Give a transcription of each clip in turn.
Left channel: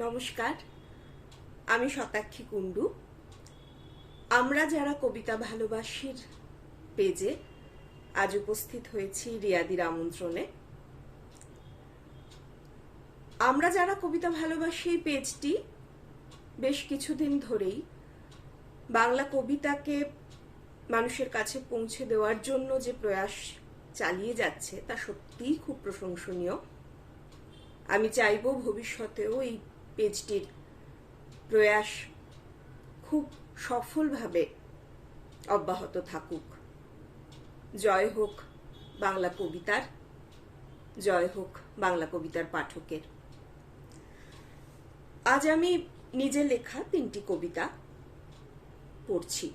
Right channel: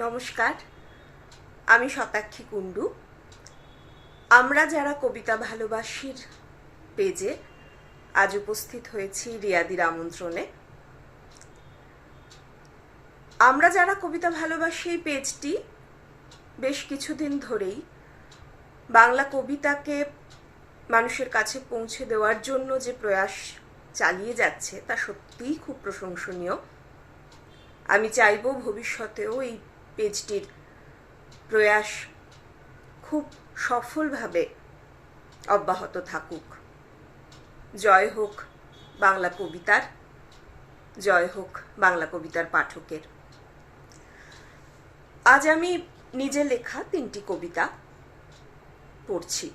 নমস্কার, আমি শতাক্ষী কুণ্ডু। আমরা যারা কবিতা ভালোবাসির পেজে আজ উপস্থিত হয়েছি রিয়াদির আমন্ত্রণে। আমরা যারা কবিতা ভালোবাসি এই পেজটি বেশ কিছুদিন ধরেই বাংলা কবিতাকে মানুষের কাছে পৌঁছে দেওয়ার জন্য যে প্রয়াস চালিয়ে যাচ্ছে তা সত্যিই খুব প্রশংসনীয়। আমি চাইব ভবিষ্যতেও এই পেজটির প্রয়াস খুব সফলভাবে অব্যাহত থাকুক। জয় হোক বাংলা কবিতার, জয় হোক বাংলা কবিতার পাঠকের। আজ আমি নিজে লেখা 3টি কবিতা পড়ছি।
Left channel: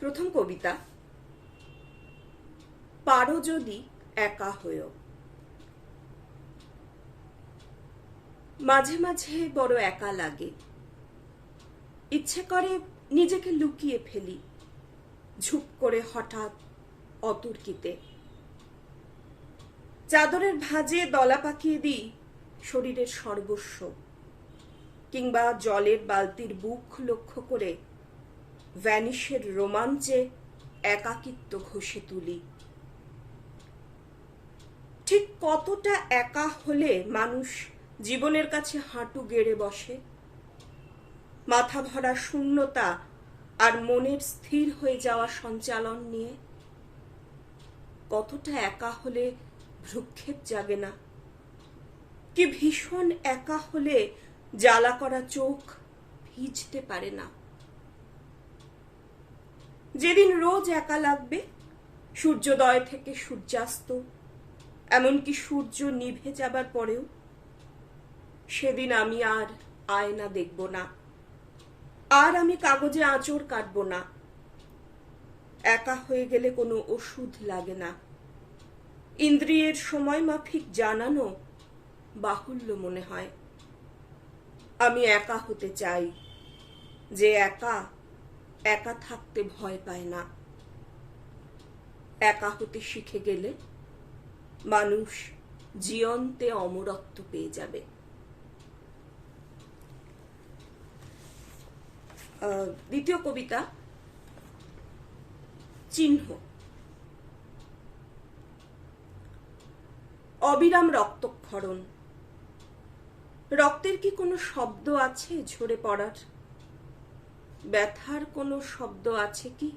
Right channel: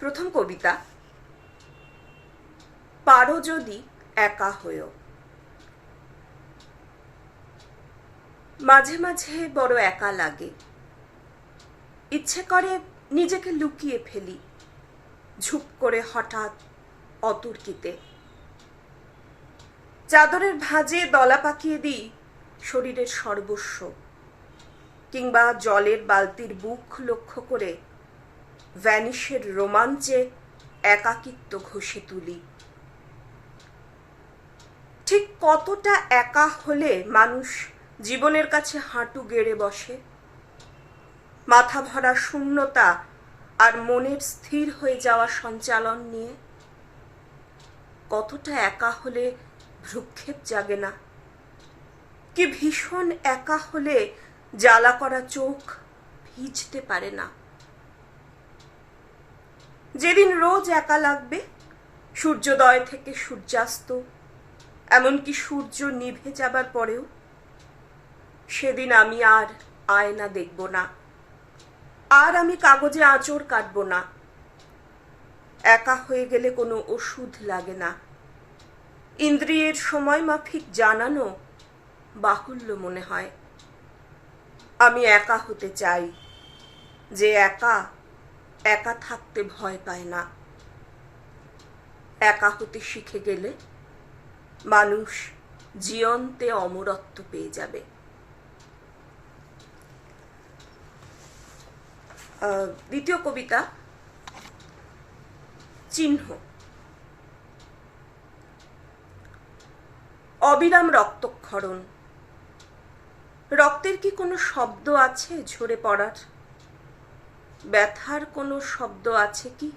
প্রথম কবিতা, পারো যদি একা হয়েও। মাঝে মাঝে বড় একা লাগে, ইচ্ছে করে নিজেকে লুকিয়ে ফেলি ঝুপ করে হঠাৎ অতর্কিতে। চাদরের ভাঁজে দলা পাকিয়ে দিই শরীরের সর্বস্ব, কিংবা জলের বালতির বুক লক্ষ্য করে ভ্যানিশের রোমাঞ্চে একাকিত্ব ঘষে তুলি। ঠিক কতটা একা হলে মানুষ জীবনের কাছে হাঁটু গেড়ে বসে? মাথা ভরা শূন্যতা আর মনের স্থির হয়ে যাওয়া সঞ্চালন নিয়ে। কতটা একা হলে ভ্রুক্ষেপ জাগে না? কি ভীষণ একা হলে জ্বালা করা চোখ ভিজতে পারে না? যেদিন রোজ একা লাগবে, সূর্যোদয় থেকে সূর্যাস্ত, এমনকি সূর্য নিভে যাবার পরেও, সেদিন আমি আর আয়না দেখব না, আর আমি কাগজে আঁচড় কাটব না। একা হয়ে গেলে কোনো ওষুধ লাগে না। ইন্দ্রিয়ের সময় মাফিক জানানো বাহুল্য মনে হয়। আমি একা হতে চাই, যে একা একা থাকতে ভয় পায় না। একা হতে শিখে গেলে মানুষ জীবন্তে অমরত্ব পেয়ে যাবে। দ্বিতীয় কবিতা, চিহ্ন। অবিরাম রক্তক্ষরণ। রক্তের কি কোনো শব্দ আছে ঝরে পড়ার? ব্যথার কোনো শব্দ আছে কি?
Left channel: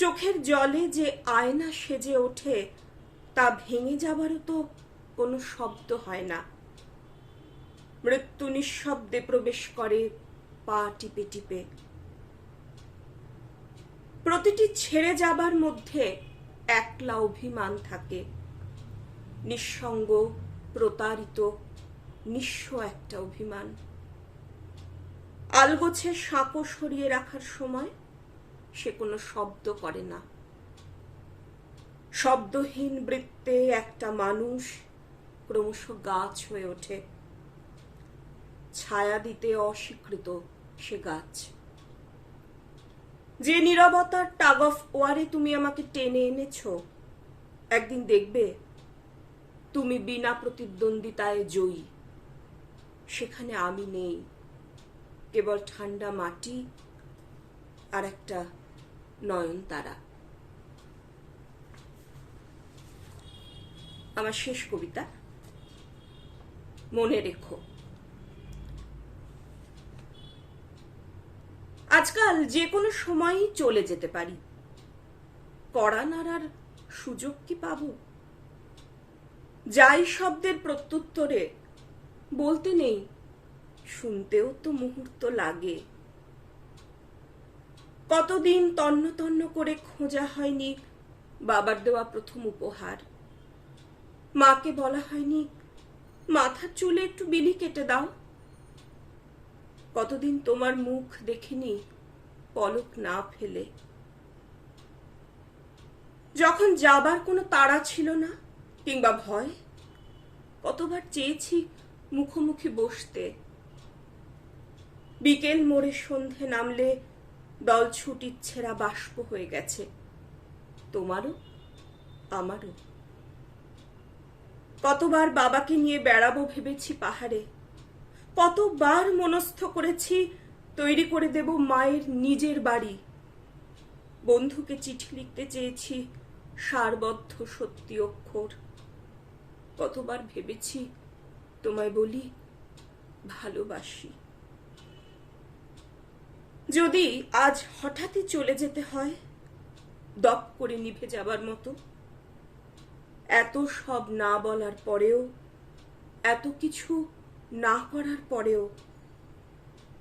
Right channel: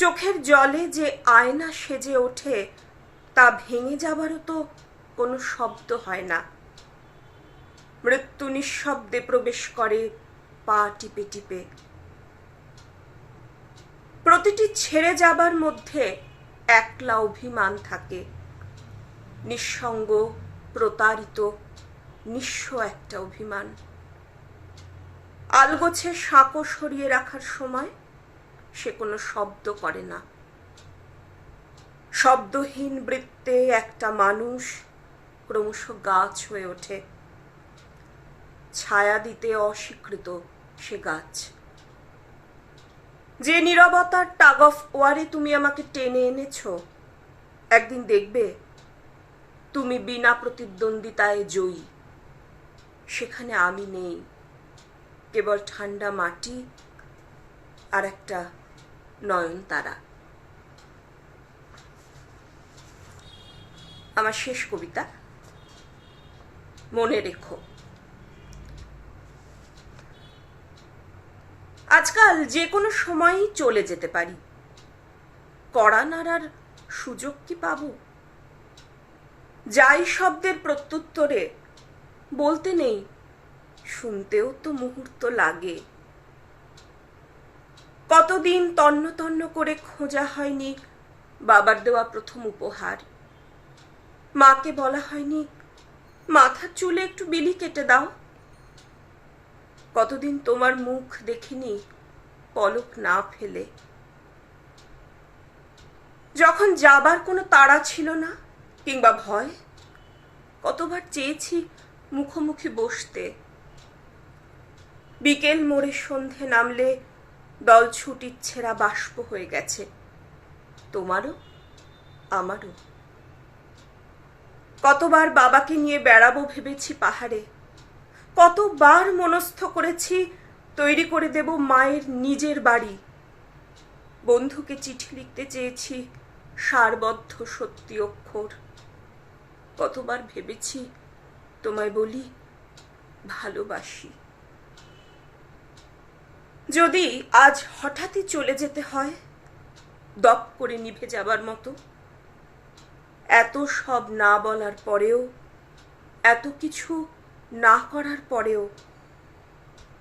চোখের জলে যে আয়না সেজে ওঠে, তা ভেঙে যাবারও তো কোনো শব্দ হয় না। মৃত্যু নিঃশব্দে প্রবেশ করে পা টিপে টিপে। প্রতিটি ছেড়ে যাবার মধ্যে একলা অভিমান থাকে। নিঃসঙ্গ, প্রতারিত, নিঃস্ব একটা অভিমান। আলগোছে সাঁকো সরিয়ে রাখার সময় সে কোনো শব্দ করে না। শব্দহীন বৃত্তে একটা মানুষ ক্রমশ গাছ হয়ে ওঠে। ছায়া দিতে অস্বীকৃত সে গাছ। যে নীরবতার টাগ অফ ওয়ারে তুমি আমাকে টেনে এনেছ, একদিন দেখবে তুমি বিনা প্রতিদ্বন্দ্বিতায় জয়ী। সেখানে আমি নেই, কেবল ঠান্ডা মাটি আর একটা নয়নতারা। আমার শেষ কবিতা, মনে রেখো। আজকাল যে কোনো সময়ই চলে যেতে পারি, কড়া নাড়ার সুযোগ কি পাবো? যাই শব্দের প্রত্যুত্তরে বলতে নেই, শুনতেও তো মুহূর্ত লাগে। কতদিন তন্ন তন্ন করে খোঁজা হয়নি বাবার দেওয়া প্রথম উপহার। মাকে বলা হয়নি মাথার চুলে একটু বিলি কেটে দাও। কতদিন তোমার মুখ দেখিনি পলক না ফেলে। যখন যাবার কোনো তাড়া ছিল না কিংবা ভয়, কতবার চেয়েছি মুখোমুখি বসতে। বিকেল মোড়ে সন্ধে নামলে দল ছুটির ছেঁড়া বাষ্প হয়ে গেছে, তোমারও আমারও। কতবার বাবাকে নিয়ে বেড়াবো ভেবেছি পাহাড়ে, কতবার মনস্থ করেছি তৈরি করে দেব মায়ের নিজের বাড়ি। বন্ধুকে চিঠি লিখতে চেয়েছি সারবদ্ধ সত্যি অক্ষর। কতবার ভেবেছি তোমায় বলি ভালোবাসি। যদি আজ হঠাৎই চলে যেতে হয়, দপ করে নিভে যাবার মতো, এত সব না বলার পরেও, এত কিছু না করার পরেও,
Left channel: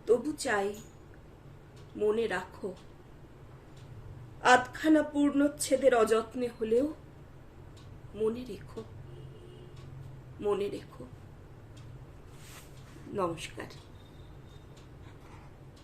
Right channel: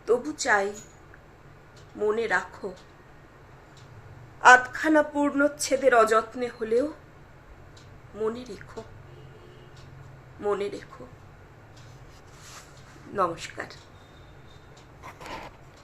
তবু চাই মনে রাখো। আধখানা পূর্ণচ্ছেদের অযত্নে হলেও মনে রেখো, মনে রেখো। নমস্কার।